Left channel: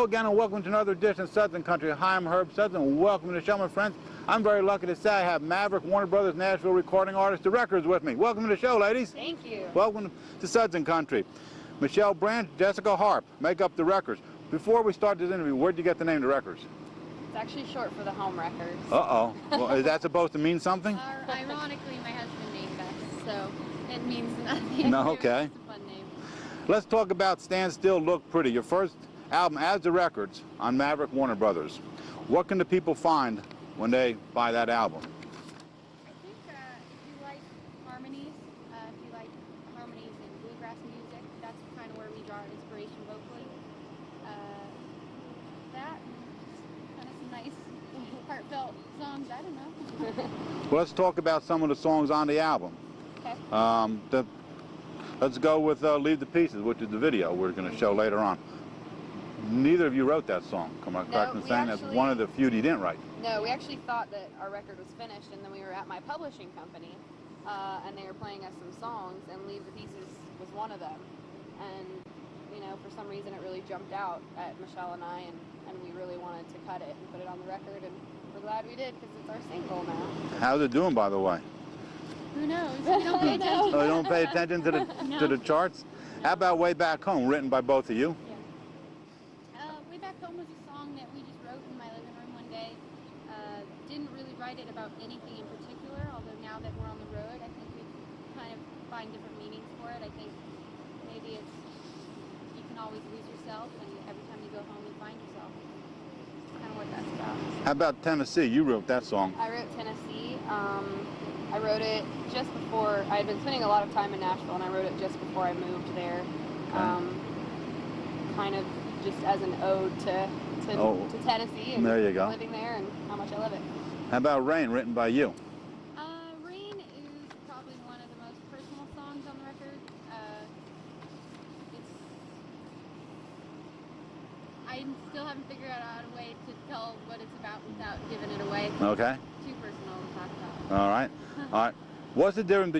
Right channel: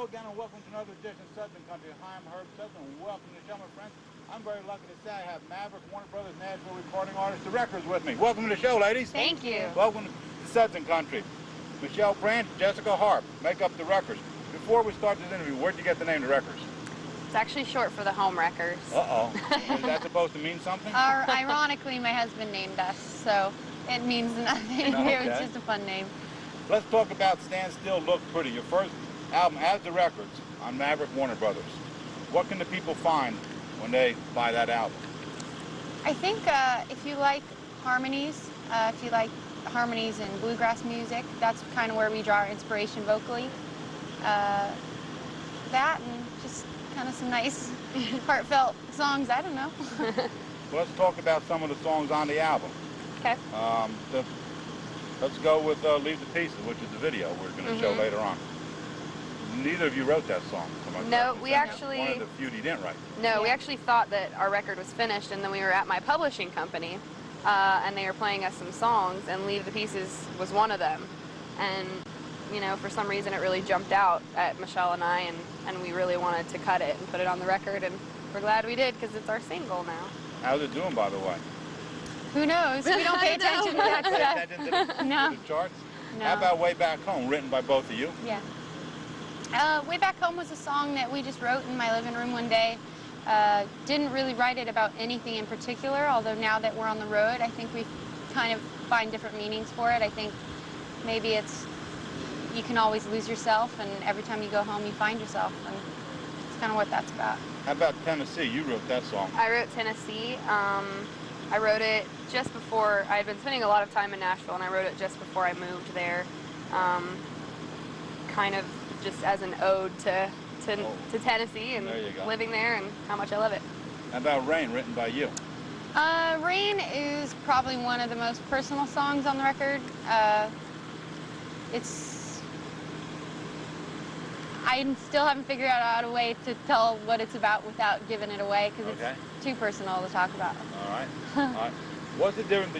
Hello again and welcome to another edition of Southern Country. Hi, I'm Herb Southern and welcome to the show, my friends. I'm very lucky to say I have Maverick Warner Brothers Nashville recording artist, The Records, with me. Welcome to the show, ladies. Thank you. Welcome to Southern Country. Michelle, Branch, Jessica Harp make up The Records. Before we start this interview, where'd you get the name The Records? It's actually short for the Home Wreckers. Uh-oh. Well, is that supposed to mean something? Ironically, my husband named us, so it means nothing. No, okay. It's just a fun name. Let's talk about Stand Still, Look Pretty, your first album as The Records on Maverick Warner Brothers. What can the people find when they buy that album? I think if you like harmonies, and bluegrass music, that's kind of where we draw our inspiration vocally. That and just kind of some nice, heartfelt songs, I don't know. Well, let's talk about some of the songs on the album. Okay. Let's go with Leave the Pieces, which is the video we're going to show later on. Neither of you wrote that song. No, we actually... That's one of the few you didn't write. No, we actually thought that our record was finished, and then we were at my publishing company, and they were playing us some songs, and Leave the Pieces was one of them. And, you know, for some reason it really jumped out at Michelle and I, and we really wanted to cut it and put it on the record, and we're glad we did, because it's our single now. How's it doing, by the way? Who knows? We don't pay attention. Oh, you don't pay attention to the charts? No. How about Way Back Home, written by both of you? Yeah. Way Back Home was a song that we just wrote in my living room one day. Didn't really write it about anything in particular, although now that we're on the road, I think we kind of find different meanings for it. I think maybe it's, you can always lose yourself, and every time you go home you find yourself, and it's kind of what that's about. How about Tennessee? You wrote that song. I wrote Tennessee. I wrote it just before, I had been spending a lot of time in Nashville, and I wrote it just before I moved there. Kind of just as an ode to Tennessee and there you go. Living there and how much I love it. How about Rain, written by you? Rain is probably one of the most personal songs on the record. I still haven't figured out a way to tell what it's about without giving it away. Okay. It's too personal to talk about. All right. All right. What's the difference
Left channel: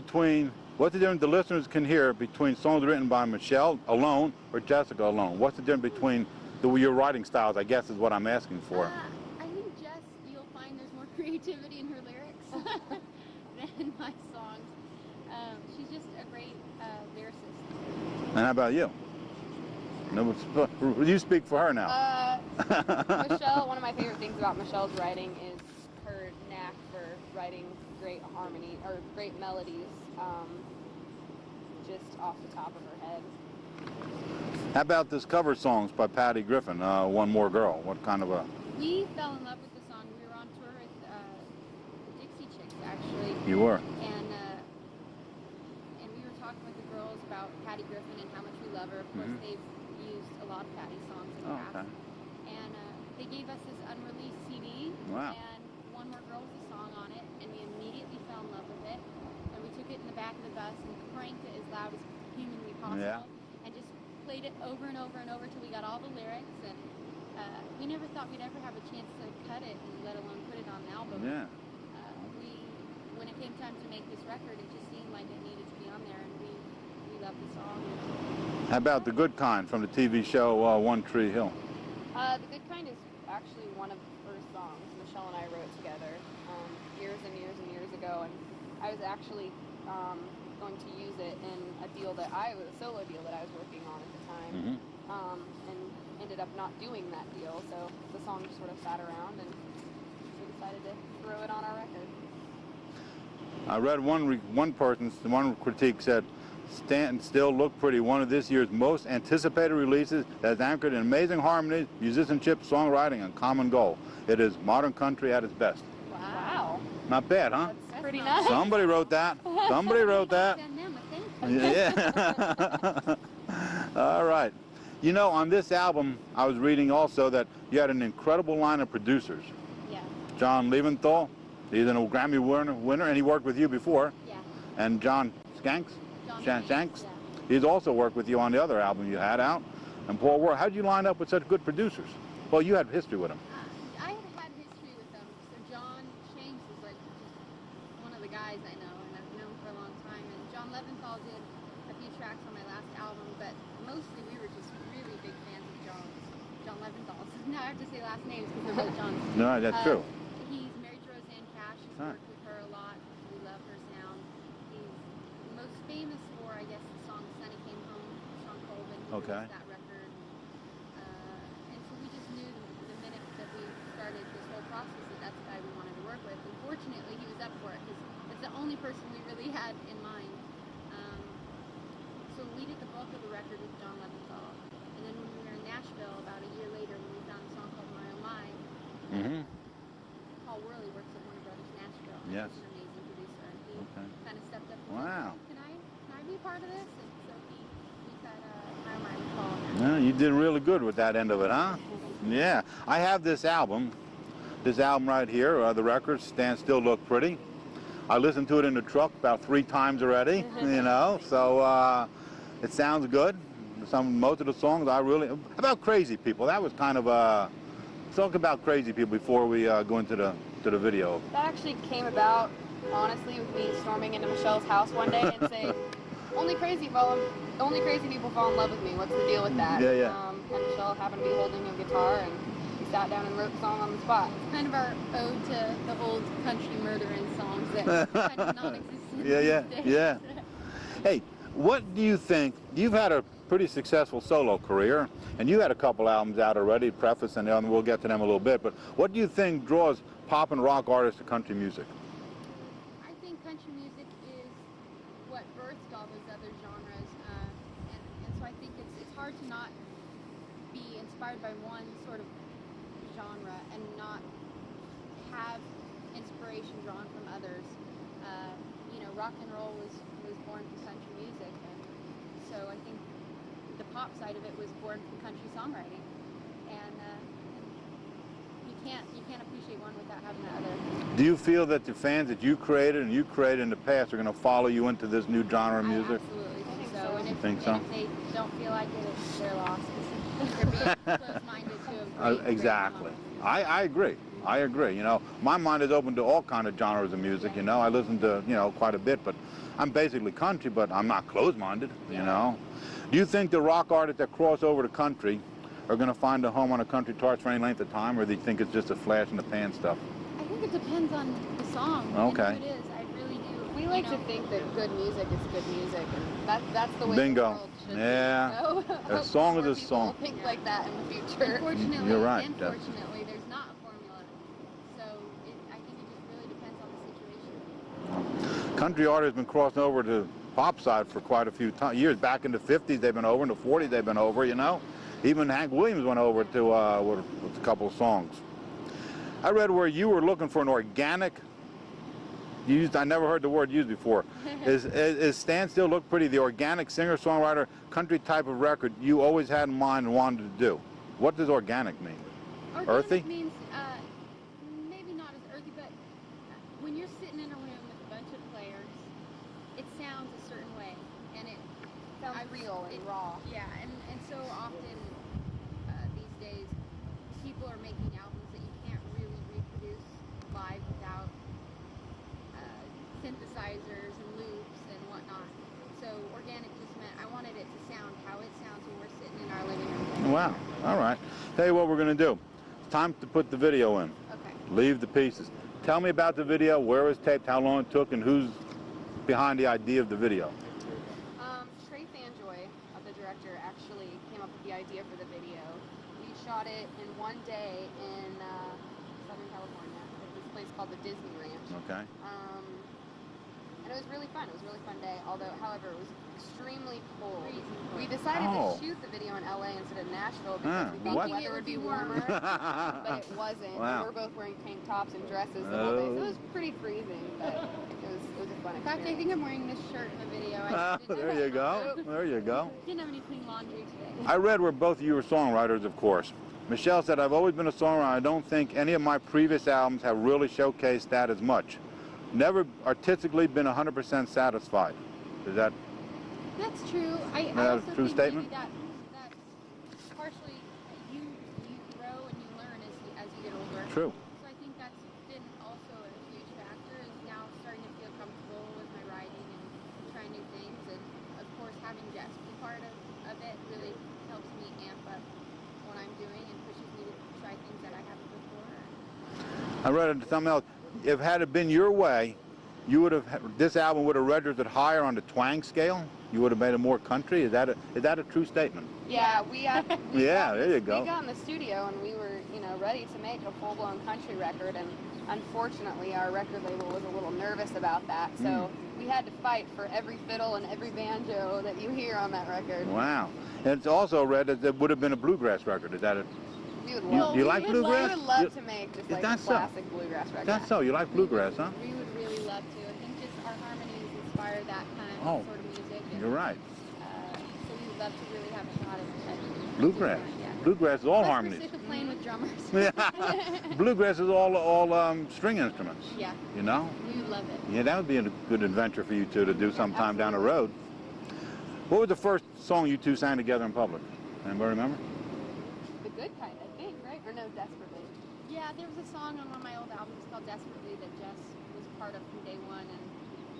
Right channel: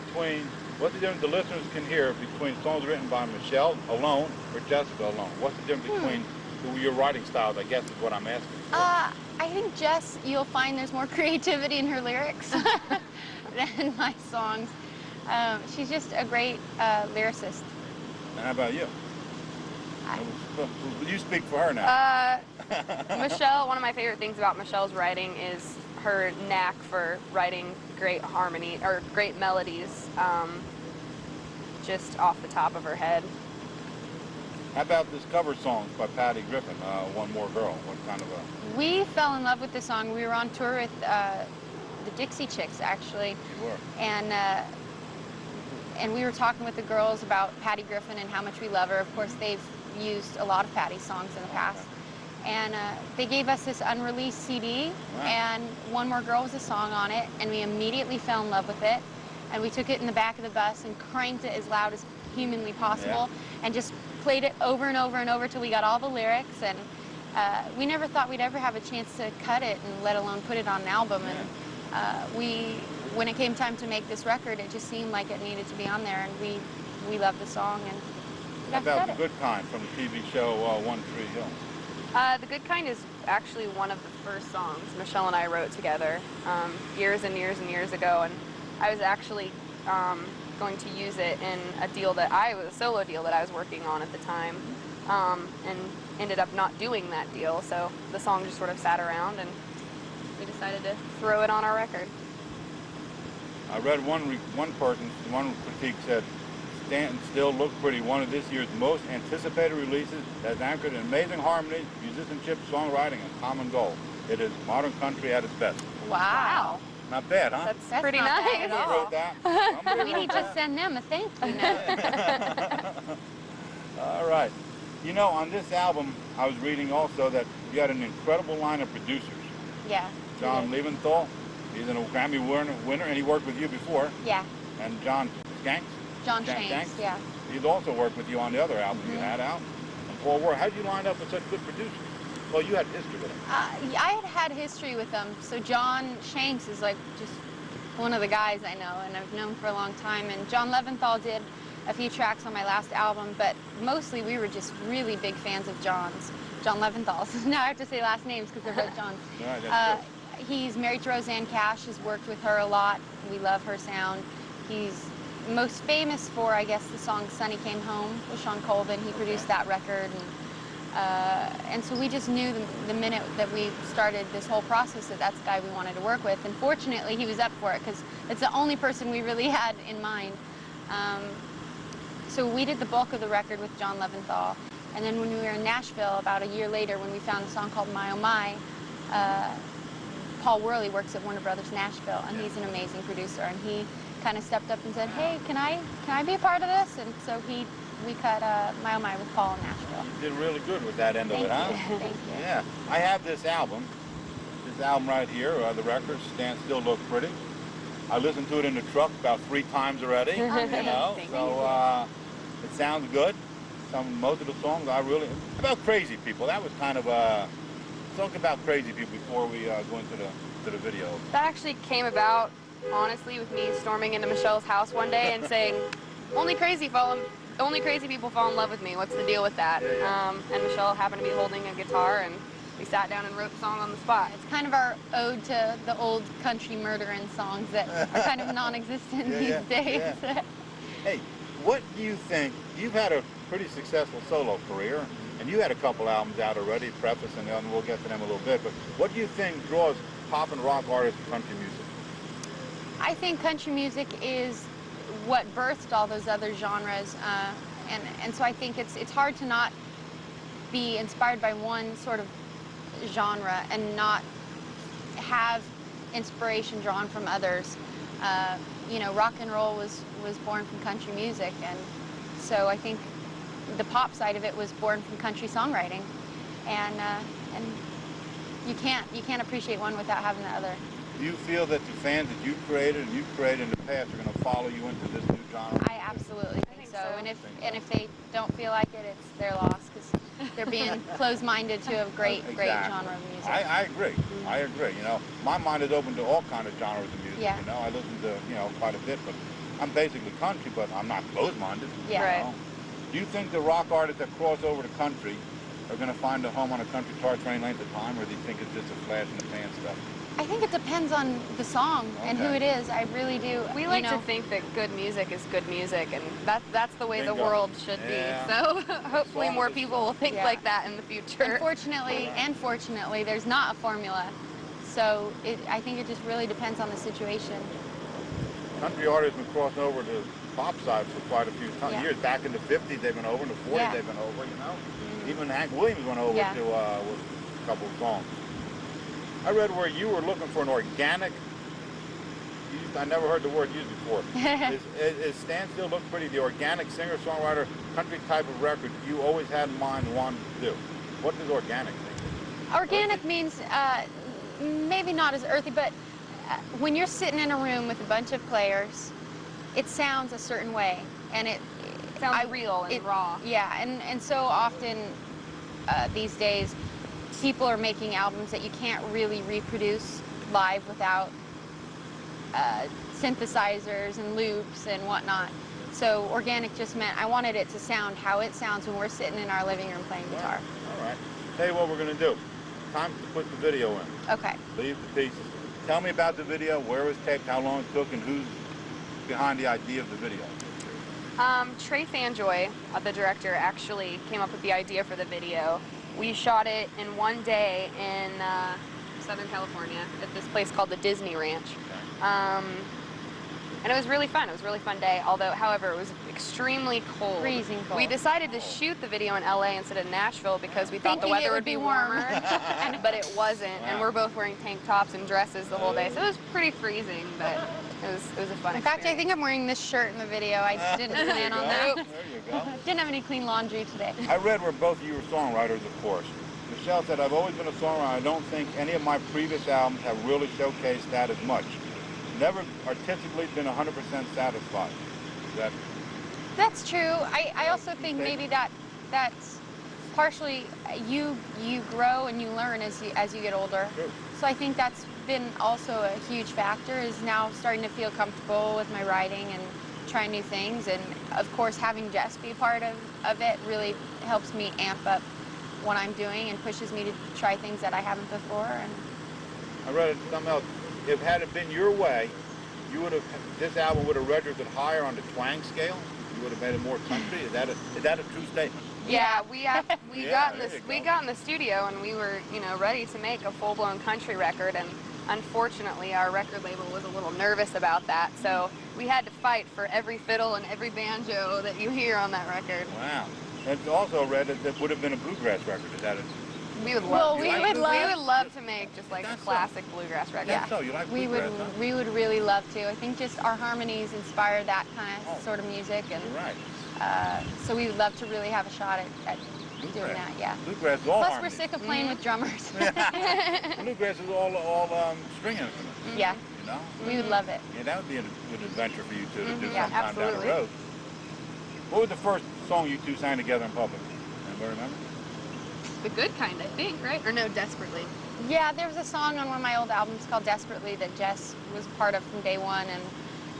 the listeners can hear between songs written by Michelle alone or Jessica alone? What's the difference between your writing styles, I guess is what I'm asking for. I think Jess, you'll find there's more creativity in her lyrics than my songs. She's just a great lyricist. And how about you? You speak for her now. Michelle, one of my favorite things about Michelle's writing is her knack for writing great harmony, or great melodies, just off the top of her head. How about this cover songs by Patty Griffin, One More Girl? What kind of a... We fell in love with this song. We were on tour with the Dixie Chicks, actually. You were. And we were talking with the girls about Patty Griffin and how much we love her. Of course, they've used a lot of Patty's songs in the past. And they gave us this unreleased CD, and One More Girl was a song on it, and we immediately fell in love with it. And we took it in the back of the bus and cranked it as loud as humanly possible, and just played it over and over and over till we got all the lyrics. And we never thought we'd ever have a chance to cut it, and let alone put it on an album. And when it came time to make this record, it just seemed like it needed to be on there, and we loved the song. And how about The Good Kind from the TV show One Tree Hill? The Good Kind is actually one of the first songs Michelle and I wrote together years and years and years ago, and I was actually going to use it in a solo deal that I was working on at the time, and ended up not doing that deal, so the song just sort of sat around, and we decided to throw it on our record. I read one critique said, Stand Still, Look Pretty, one of this year's most anticipated releases that is anchored in amazing harmony, musicianship, songwriting, and common goal. It is modern country at its best. Wow. Not bad, huh? That's pretty nice. Somebody wrote that. Somebody wrote that. Send them a thank you. Yeah. All right. You know, on this album, I was reading also that you had an incredible line of producers. Yeah. John Leventhal, he's a Grammy winner, and he worked with you before. Yeah. And John Shanks. John Shanks, yeah. He's also worked with you on the other album you had out. And Paul Ward, how did you line up with such good producers? Well, you had history with him. I had history with them. So John Shanks is like just one of the guys I know, and I've known for a long time. And John Leventhal did a few tracks on my last album, but mostly we were just really big fans of John Leventhal's. Now I have to say last names because they're both Johns. No, that's true. He's married to Roseanne Cash, has worked with her a lot. We love her sound. He's most famous for, I guess, the song Sonny Came Home with Sean Colvin. He produced that record. And so we just knew the minute that we started this whole process that that's the guy we wanted to work with. And fortunately, he was up for it because it's the only person we really had in mind. So we did the bulk of the record with John Leventhal. And then when we were in Nashville, about a year later, when we found a song called My Oh My, Paul Worley works at Warner Brothers Nashville, and he's an amazing producer. And he kind of stepped up and said, "Hey, can I be a part of this?" And so we cut My Oh My with Paul in Nashville. Yeah, you did really good with that end of it, huh? Thank you. Yeah. I have this album right here. The record, Stand Still, Look Pretty. I listened to it in the truck about 3 times already, you know, so it sounds good. Most of the songs about Crazy People. That was kind of talk about Crazy People before we go into the video. That actually came about, honestly, with me storming into Michelle's house one day and saying, only crazy people fall in love with me. What's the deal with that? And Michelle happened to be holding a guitar, and we sat down and wrote the song on the spot. It's kind of our ode to the old country murdering songs that are kind of non-existent these days. Hey, what do you think? You've had a pretty successful solo career, and you had a couple albums out already, Preface and the other, we'll get to them a little bit, but what do you think draws pop and rock artists to country music? I think country music is what birthed all those other genres, and so I think it's hard to not be inspired by one sort of genre and not have inspiration drawn from others. You know, rock and roll was born from country music, and so I think the pop side of it was born from country songwriting, and you can't appreciate one without having the other. Do you feel that the fans that you created and you created in the past are going to follow you into this new genre of music? I absolutely think so. And if they don't feel like it, it's their loss, because they're being closed-minded to a great genre of music. I agree. I agree. You know, my mind is open to all kind of genres of music. You know, I listen to quite a bit, but I'm basically country, but I'm not closed-minded. You know. Do you think the rock artists that cross over to country are going to find a home on a country chart for any length of time, or do you think it's just a flash in the pan stuff? I think it depends on the song and who it is. I really do. We like to think that good music is good music, and that's the way the world should be. So hopefully more people will think like that in the future. Unfortunately, there's not a formula. So I think it just really depends on the situation. Country artists have been crossing over to pop side for quite a few years. Back in the 50s, they've been over. In the 40s, they've been over, you know. Even Hank Williams went over to with a couple of songs. I read where you were looking for an organic, I never heard the word used before. Is Stand Still Look Pretty the organic singer-songwriter country type of record you always had in mind and wanted to do? What does organic mean? Organic means maybe not as earthy, but when you're sitting in a room with a bunch of players, it sounds a certain way, and it sounds real and raw. Yeah, and so often these days, people are making albums that you can't really reproduce live without synthesizers and loops and whatnot. So organic just meant I wanted it to sound how it sounds when we're sitting in our living room playing guitar. All right. Tell you what we're going to do. Time to put the video in. Okay. Leave the pieces. Tell me about the video, where it was taped, how long it took, and who's behind the idea of the video. Trey Fanjoy, the director, actually came up with the idea for the video. We shot it in one day in Southern California at this place called the Disney Ranch. And it was really fun. It was a really fun day, however, it was extremely cold. Freezing cold. We decided to shoot the video in LA instead of Nashville because we thought the weather would be warmer, but it wasn't. And we're both wearing tank tops and dresses the whole day, so it was pretty freezing, but it was a fun experience. In fact, I think I'm wearing this shirt in the video. I didn't plan on that. There you go. Didn't have any clean laundry today. I read where both of you were songwriters, of course. Michelle said, I've always been a songwriter. I don't think any of my previous albums have really showcased that as much. Never artistically been 100% satisfied. Is that? That's true. I also think maybe that's partially you grow and you learn as you get older. True. So I think that's been also a huge factor, is now starting to feel comfortable with my writing and try new things, and of course having Jess be part of it really helps me amp up what I'm doing and pushes me to try things that I haven't before. And I read something else. If had it been your way, you would have, this album would have registered higher on the twang scale. You would have made it more country. Is that a true statement? Yeah, we Yeah, there you go. We got in the studio and we were, you know, ready to make a full-blown country record, and unfortunately our record label was a little nervous about that, so we had to fight for every fiddle and every banjo that you hear on that record. Wow. And it's also read that it would have been a bluegrass record. Is that it? We would love, You like bluegrass? we would love to make just like a That's so. classic bluegrass record. That's so. You like bluegrass, huh? We would really love to. I think just our harmonies inspire that kind of Oh. sort of music, and You're right. so we would love to really have a shot at Bluegrass. doing that. Yeah. Bluegrass is all Plus, harmony. we're sick of playing with drummers. Bluegrass is all string instruments. Yeah. You know? We would love it. Yeah, that would be a good adventure for you two to do Yeah, sometime down the absolutely. road. What was the first song you two sang together in public? Anybody remember? The Good Kind, I think, right? Or no, Desperately. Yeah, there was a song on one of my old albums called Desperately that Jess was part of from day one, and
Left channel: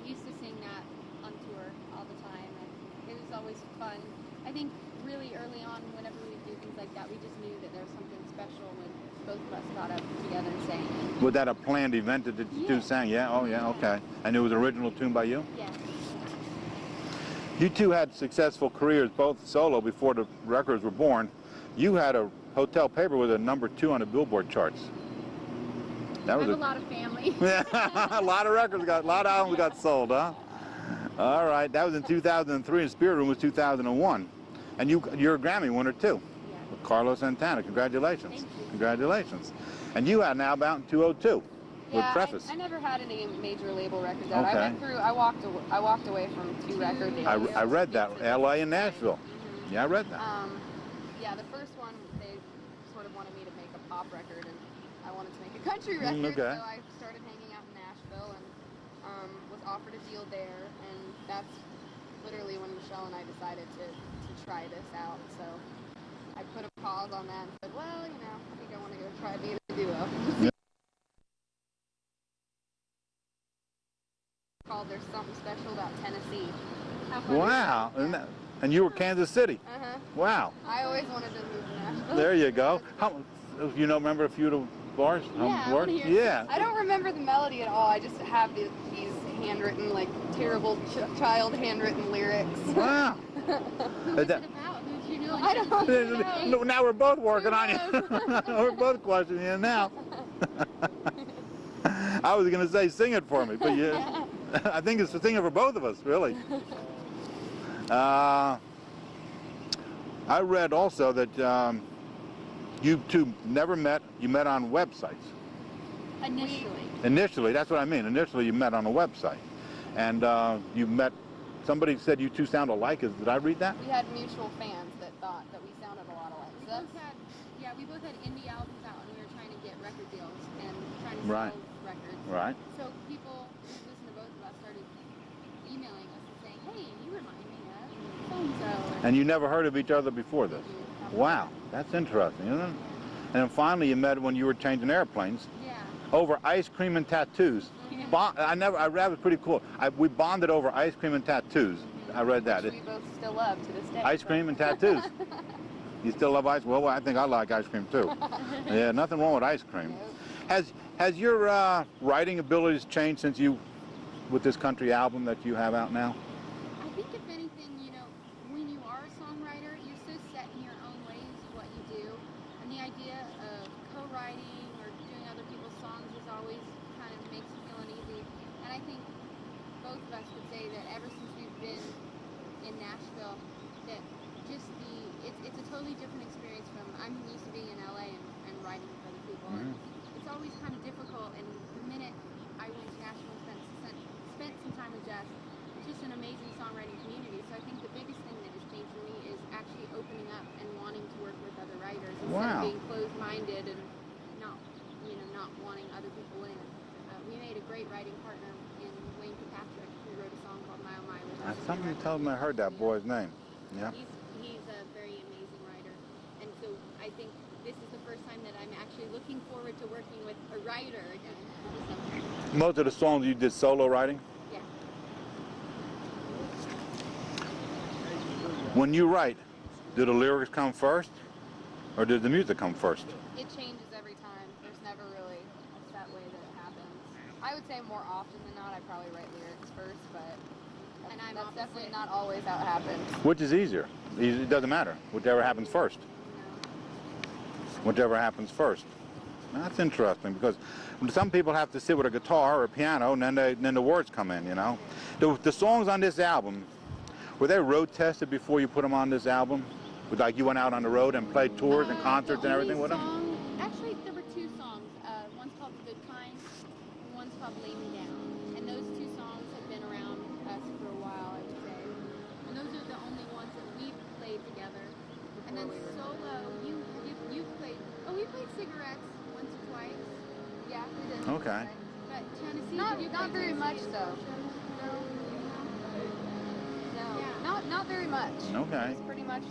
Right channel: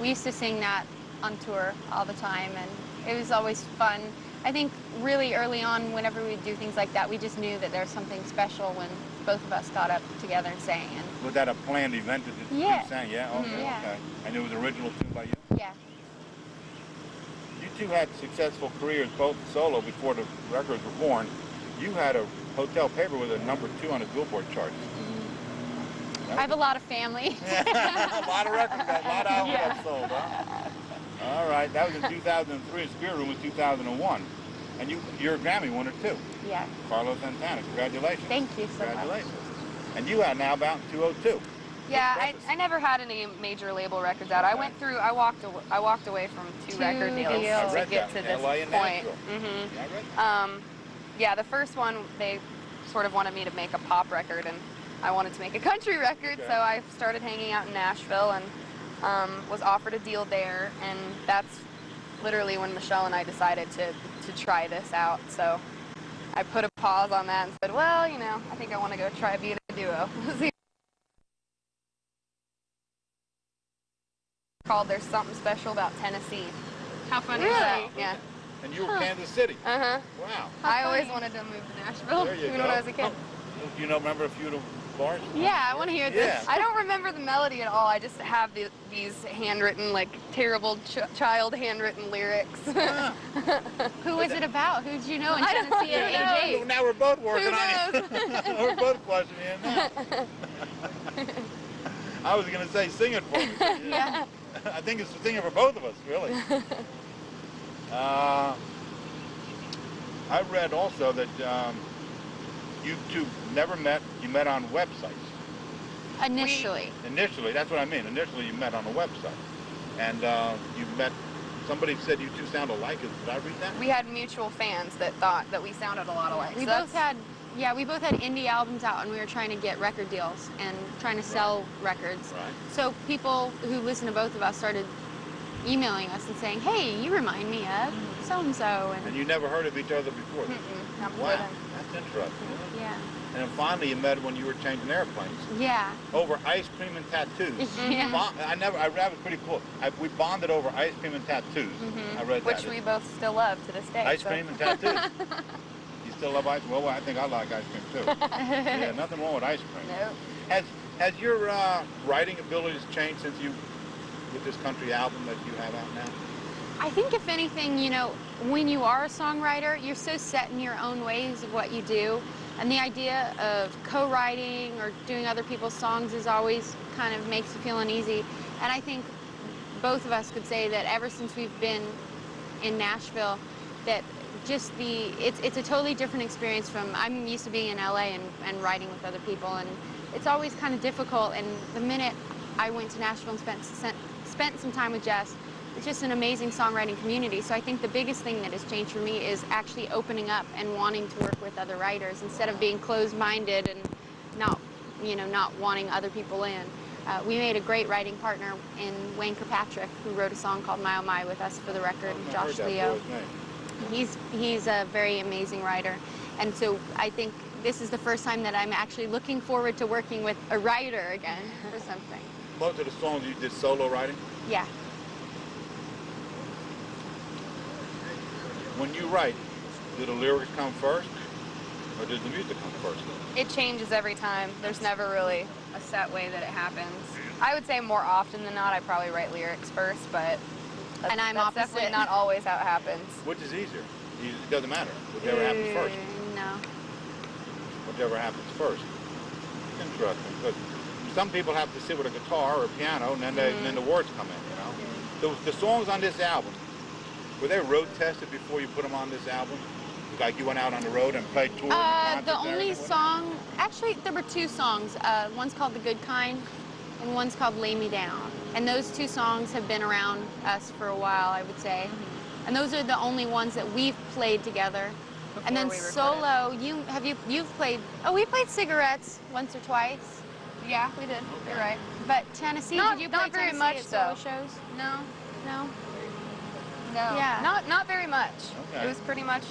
we used to sing that on tour all the time, and it was always fun. I think really early on, whenever we'd do things like that, we just knew that there was something special when both of us got up together and sang. And Was that a planned event that the Yeah. two sang? Yeah? Oh, yeah, Yeah. okay. And it was an original tune by you? yeah. You two had successful careers, both solo, before the records were born. You had a hotel paper with a #2 on the Billboard charts. That I was have a lot of family. a lot of records got, a lot of albums Yeah. got sold, huh? All right, that was in 2003, and Spirit Room was 2001. And you're a Grammy winner, too. Yeah. Carlos Santana, congratulations. Thank you so much. Congratulations. And you had an album out in 2002. Yeah, with Preface. I never had any major label records out. Okay. I walked away from two record deals. I read to get that, to this L.A. and point. Nashville. Mhm. Yeah, I read that. Yeah, the first one, they sort of wanted me to make a pop record, and I wanted to make a country record, okay. so I started hanging out in Nashville and was offered a deal there, and that's literally when Michelle and I decided to try this out. So I put a pause on that and said, well, you know, I think I want to go try being a duo. Called There's Something Special About Tennessee. How fun is Wow. that? Yeah. And you were Kansas City. Uh-huh. Wow. I always wanted to move to Nashville. There you even go. when I was a kid. You know, remember a few of the bars? Yeah, I wanna hear this. I don't remember the melody at all. I just have these handwritten, like, terrible child handwritten lyrics. Wow. Who was it about? Who did you know in I don't Tennessee at know. what age? Now we're both working Who on it. We're both questioning it now. I was going to say, sing it for me. But yeah. I think it's singing for both of us, really. I read also that you two never met. You met on websites. Initially. Initially, that's what I mean. Initially, you met on a website. And you met, somebody said you two sound alike. Did I read that? We had mutual fans that thought that we sounded a lot alike. We So both had, we both had indie albums out, and we were trying to get record deals and trying to sell records. Right. So people who listen to both of us started emailing us and saying, hey, you remind me of so-and-so. And you never heard of each other before this? not Wow, really. that's interesting, isn't it? Yeah. And finally you met when you were changing airplanes Yeah. over ice cream and tattoos. Yeah. I read it was pretty cool. We bonded over ice cream and tattoos. I read that. Which we both still love to this day. Ice so. cream and tattoos. You still love ice? Well, I think I like ice cream too. Yeah, nothing wrong with ice cream. No. Has your writing abilities changed since with this country album that you have out now? I think if anything, you know, when you are a songwriter, you're so set in your own ways of what you do. And the idea of co-writing or doing other people's songs is always kind of makes you feel uneasy. And I think both of us could say that ever since we've been in Nashville, that just it's a totally different experience from, I'm used to being in LA and writing with other people, and it's always kind of difficult. And the minute I went to Nashville and spent some time with Jess, it's just an amazing songwriting community. So I think the biggest thing that has changed for me is actually opening up and wanting to work with other writers instead of being closed-minded and not wanting other people in. We made a great writing partner in Wayne Kirkpatrick, who wrote a song called My Oh My with us for the record, and Josh Leo. Yeah. He's a very amazing writer. And so I think this is the first time that I'm actually looking forward to working with a writer again for something. Most of the songs you did solo writing? Yeah. When you write, do the lyrics come first, or does the music come first? It changes every time. There's never really a set way that it happens. I would say more often than not, I probably write lyrics first, but that's definitely not always how it happens. Which is easier? It doesn't matter. Whichever happens first. No. Whichever happens first. That's interesting, because some people have to sit with a guitar or a piano, and then the words come in, you know. The songs on this album, were they road tested before you put them on this album? Like you went out on the road and played tours and concerts and everything? The only song, actually there were two songs. One's called The Good Kind and one's called Lay Me Down. And those two songs have been around us for a while, I would say. And those are the only ones that we've played together. Before and then we recorded. solo, you've played, we played Cigarettes once or twice. Yeah, we did. Okay. You're right. But Tennessee, Not did you play very Tennessee much, at solo though. shows? No. No? No. Yeah. Not very much. Okay. It was pretty much,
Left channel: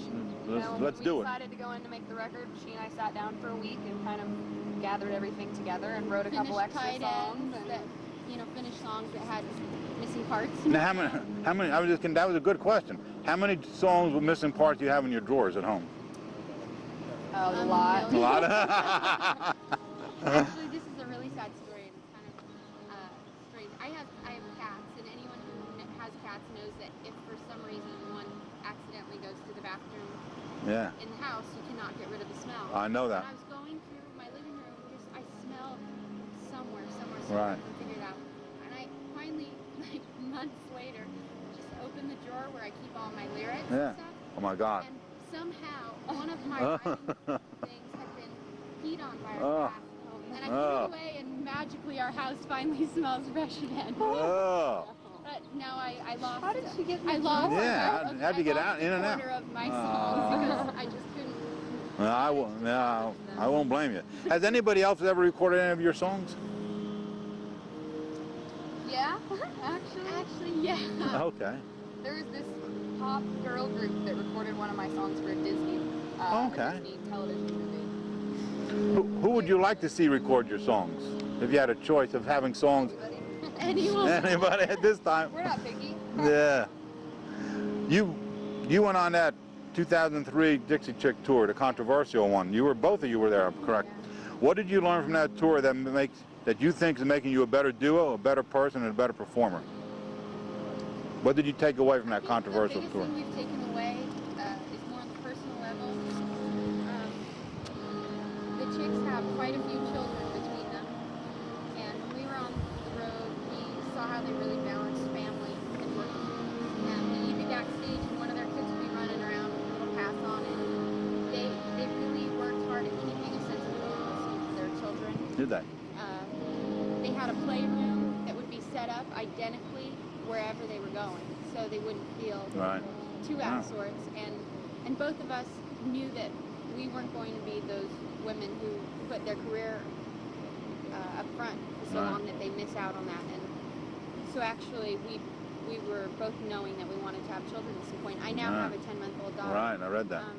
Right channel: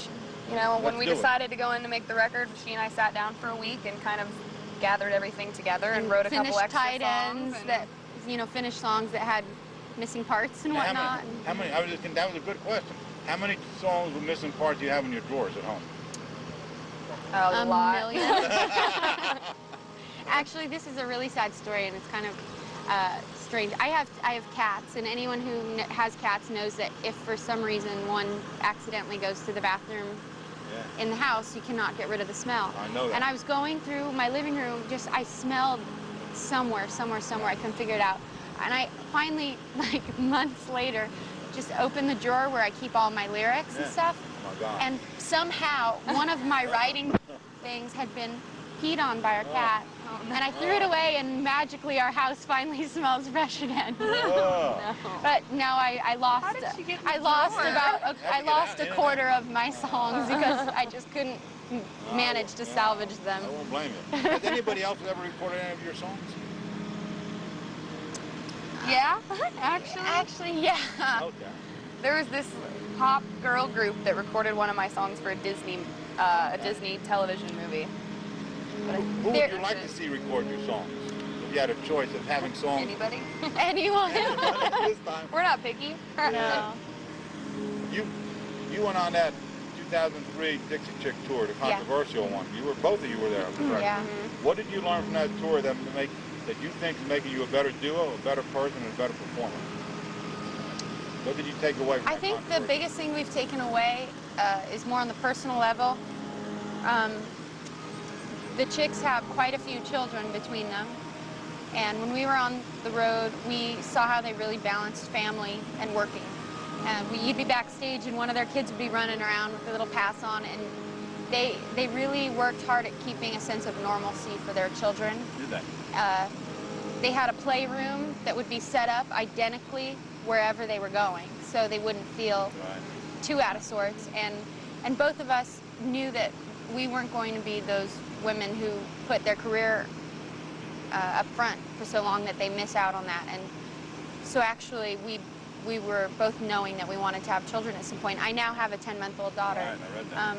you Let's- know, let's when we do it. decided to go in to make the record, she and I sat down for a week and kind of gathered everything together and wrote a couple Finished extra tight ends songs. that, finished songs that had missing parts and Now, whatnot. how many? I was just. That was a good question. How many songs with missing parts do you have in your drawers at home? A lot. million. Actually, this is a really sad story, and it's kind of strange. I have cats, and anyone who has cats knows that if for some reason one accidentally goes to the bathroom Yeah. in the house, you cannot get rid of the smell. I know that. And I was going through my living room, I smelled somewhere. I Right. couldn't figure it out. And I finally, like months later, just opened the drawer where I keep all my lyrics and stuff. Oh my God. And somehow, one of my writing things had been peed on by our cat. And I threw it away, and magically our house finally smells fresh again. Oh. But now I lost. How did she get in I the lost drawer? about. How'd you I get lost out? In a and quarter of my songs because I just couldn't Well, manage to salvage them. I won't blame you. Has anybody else ever recorded any of your songs? Yeah, actually. Actually, yeah. Okay. There was this pop girl group that recorded one of my songs for a Disney television movie. Who would you like to see record your songs? If you had a choice of having songs. Anybody? Anyone? Anybody at this time? We're not picky. Yeah. You went on that 2003 Dixie Chick tour, the controversial one. Both of you were there, correct? Yeah. What did you learn from that tour that you think is making you a better duo, a better person, and a better performer? What did you take away from I that think controversial the biggest tour? thing we've taken away is more on the personal level. The Chicks have quite a few children between them. And when we were on the road, we saw how they really balanced family and working. You'd be backstage and one of their kids would be running around with a little pass on, and they really worked hard at keeping a sense of normalcy for their children. Did they? They had a playroom that would be set up identically wherever they were going, so they wouldn't feel Right. too out of sorts. And both of us knew that we weren't going to be those women who put their career up front for so long that they miss out on that. And so actually we were both knowing that we wanted to have children at some point. I now have a 10-month-old daughter. Right, I read that.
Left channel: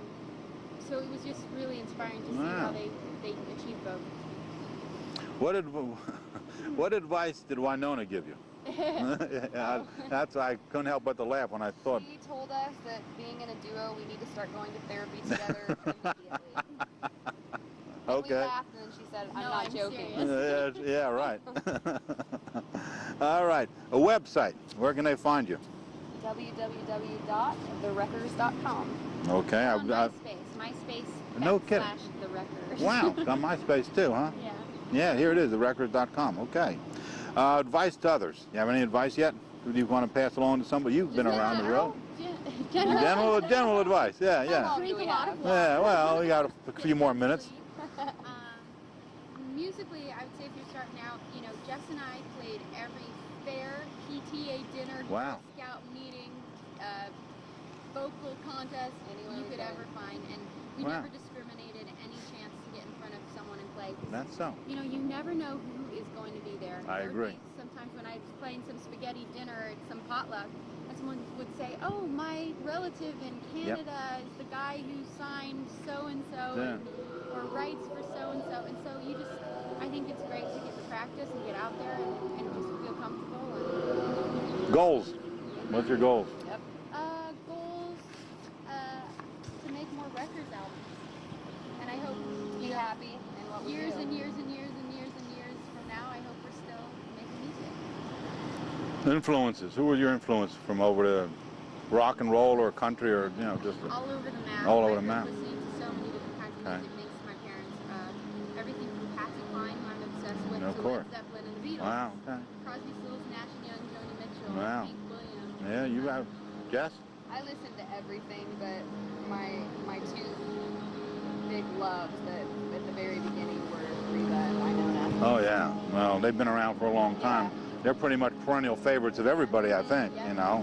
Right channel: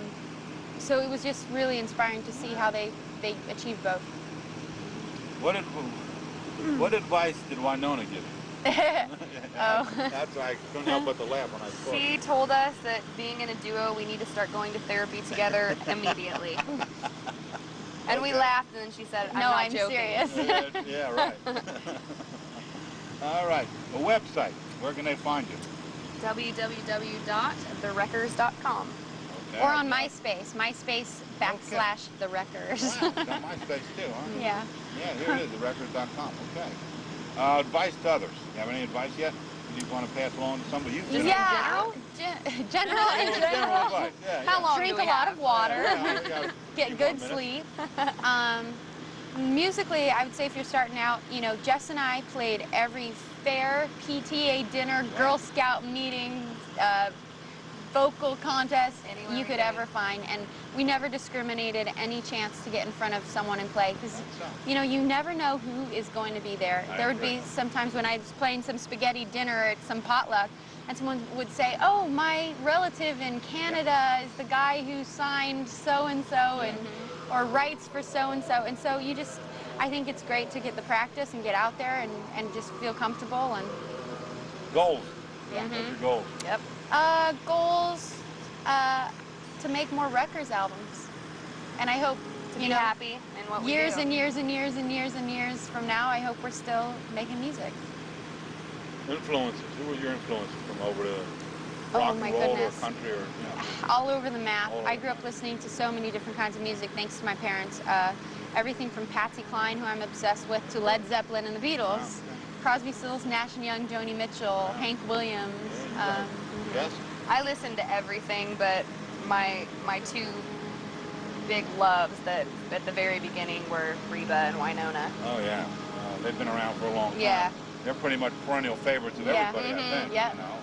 So it was just really inspiring to see how they achieved both. What advice did Winona give you? Oh. That's why I couldn't help but to laugh when I saw it. She told us that being in a duo, we need to start going to therapy together immediately. And we Okay. laughed, and then she said, No, not I'm joking. serious. Yeah, right. All right. A website. Where can they find you? www.thereckers.com. Okay. Or I've on got- MySpace No kidding. / The Wreckers. Wow. It's on MySpace too, huh? Yeah. Yeah, here it is, thereckers.com. Okay. Advice to others. You have any advice yet? Do you want to pass along to somebody? You've been around the road. General advice. Yeah, How yeah. long Drink do a we lot have? of water. Yeah, well, we got a Get few more good minutes. sleep. Musically, I would say if you're starting out, Jess and I played every fair, PTA dinner, Wow. Girl Scout meeting, vocal contest Anywhere you we could go. ever find, and we never discriminated any chance to get in front of someone and play, because That's so. you never know who is going to be there. I There would agree. be sometimes when I was playing some spaghetti dinner at some potluck, and someone would say, "Oh, my relative in Canada is the guy who signed so-and-so, or writes for so-and-so." And so I think it's great to get the practice and get out there and just feel comfortable. And Goals. Yeah. What's your goal? Yep. goals, To make more records albums. And I hope, To be happy in what we years do. and years and years and years and years from now, I hope we're still making music. Influences. Who were your influences from over the rock my and roll goodness. or country or, you know, just All over the map. All over I the grew up map. listening to so many different kinds of music thanks to my parents. Everything from Patsy Cline, who I'm obsessed with, Of to Led course. Zeppelin and the Beatles. Wow, okay. Crosby, Stills, Nash & Young, Joni Mitchell, Wow. Hank Williams. Yeah, you got it. Yes? I listen to everything, but my two big loves that at the very beginning were Reba and Winona. Oh, yeah. Well, they've been around for a long time. Yeah. They're pretty much perennial favorites of Yeah. everybody, I Mhm. think, Yeah. you know.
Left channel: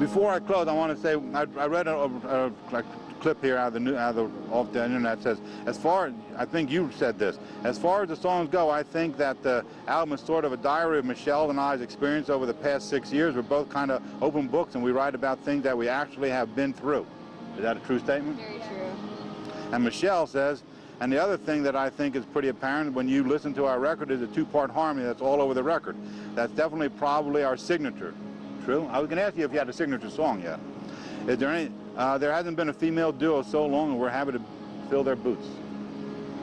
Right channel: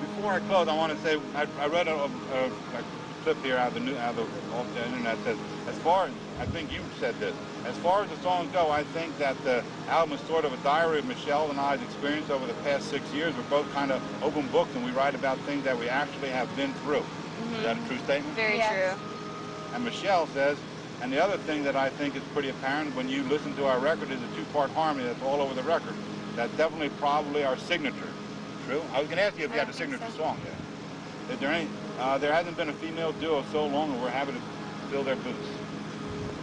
Before I close, I want to say, I read a clip here off the internet that says, as far as, I think you said this, as far as the songs go, I think that the album is sort of a diary of Michelle and I's experience over the past 6 years. We're both kind of open books and we write about things that we actually have been through. Is that a true statement? Very Yes. true. And Michelle says, and the other thing that I think is pretty apparent when you listen to our record is a two-part harmony that's all over the record. That's definitely probably our signature. True? I was going to ask you if you had a signature song yet. Is there any, there hasn't been a female duo so long and we're happy to fill their boots.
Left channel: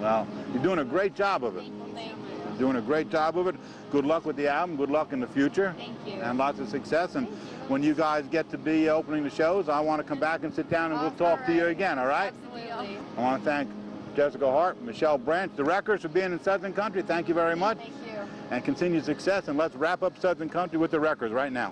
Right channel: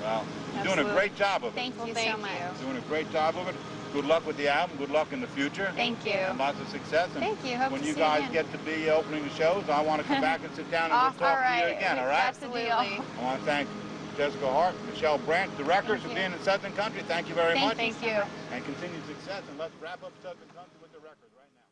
Well, you're doing a great job of it. Thank you Thank so much. you. Doing a great job of it. Good luck with the album. Good luck in the future. Thank you. And lots of success. And Thank you. Hope when to you see you guys again. get to be opening the shows, I want to come back and sit down and we'll talk to you All right. again, all right? That's the deal. Absolutely. I want to thank Jessica Harp, Michelle Branch, the Records for you. being in Southern Country. Thank you very much. Thank you. And continued success. And let's wrap up Southern Country with the Records right now.